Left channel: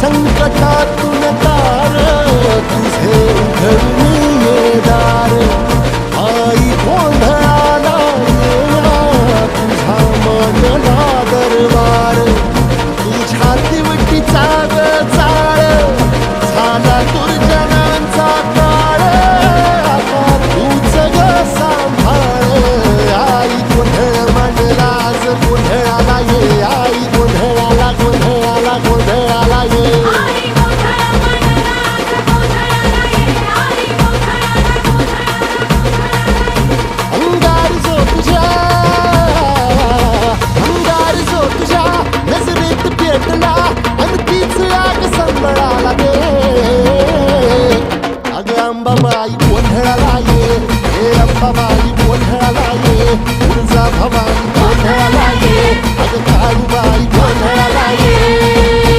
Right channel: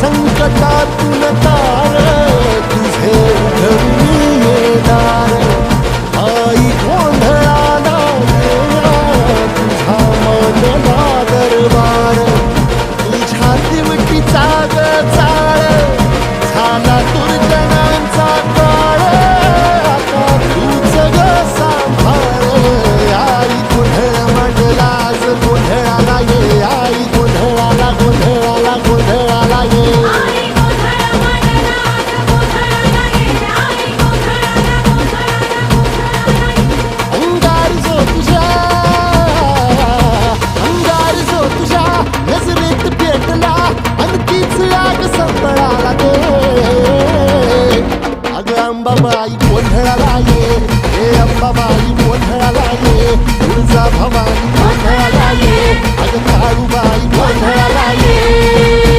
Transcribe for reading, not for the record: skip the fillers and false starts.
संकटातून तार तुझे उघडून ये दार आई गोंधळाला येणा तुझा मनला दरबार तुझ्या दिवटीचा ग चाळ झाला दुर्जनांचा काळ आता तूच ग सांभाळ आई गोंधळ मांडला आज गोंधळाला ये आई गोंधळाला गोंधळाला गोंधळाला ये अंगार जो तुझ्या नजरेत पेटला आणि तीच आग संबळाला दे अगं अंबाबाई गोंधळाला ये हे अंबाबाई गोंधळाला ये तुळजा भवानी गोंधळाला ये अगं काळूबाई गोंधळाला ये